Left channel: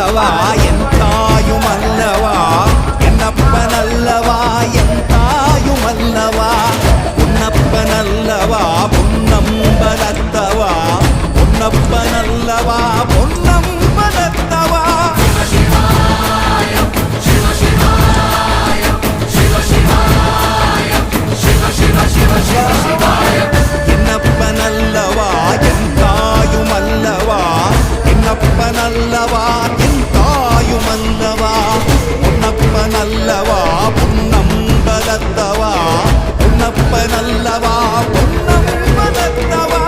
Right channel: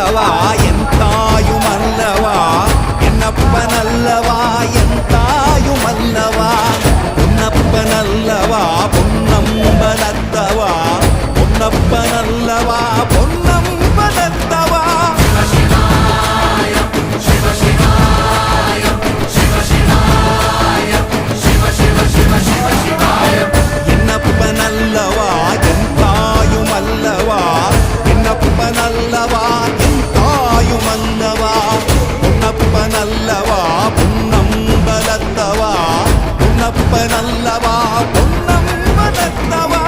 என்னப்பனல்லவா என் தாயுமல்லவா என்னப்பனல்லவா என் தாயுமல்லவா பொன்னப்பனல்லவா பொன்னம்பலத்தவா பொன்னப்பனல்லவா பொன்னம்பலத்தவா என்னப்பனல்லவா என் தாயுமல்லவா என்னப்பனல்லவா என் தாயுமல்லவா பொன்னப்பனல்லவா பொன்னம்பலத்தவா பொன்னப்பனல்லவா பொன்னம்பலத்தவா